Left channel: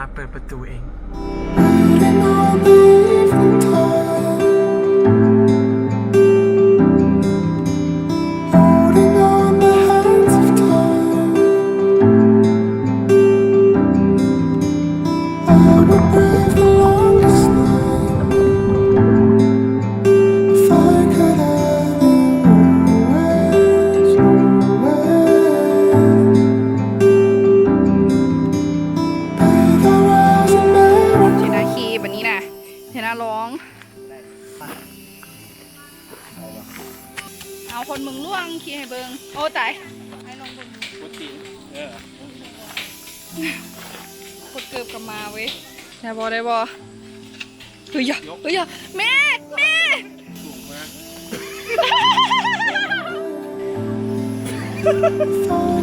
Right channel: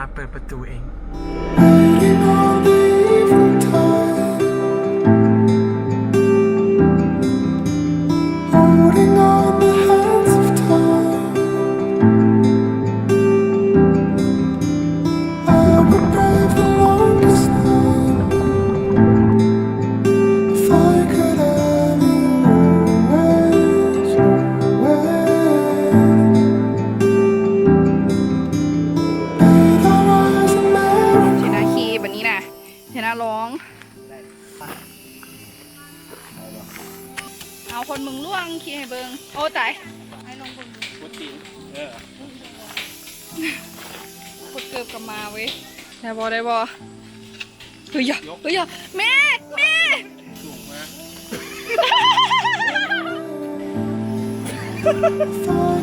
าเปิดประตูเอง Waiting on the evening time, holding on the hands of time. I would brave the longest night if I could have you always, always. Bathe our eyes in memory. เทนาคีแบบนี้นะเทนาร้อง เอาคนมึงล่วงคีให้เบิงโอ้ตายให้ลองเบิงดู พุทธินกดเกือบกลับมาเว้ยได้บอได้บอเฮ้ยเฮ้ยแม่แม่ สูงมาก If I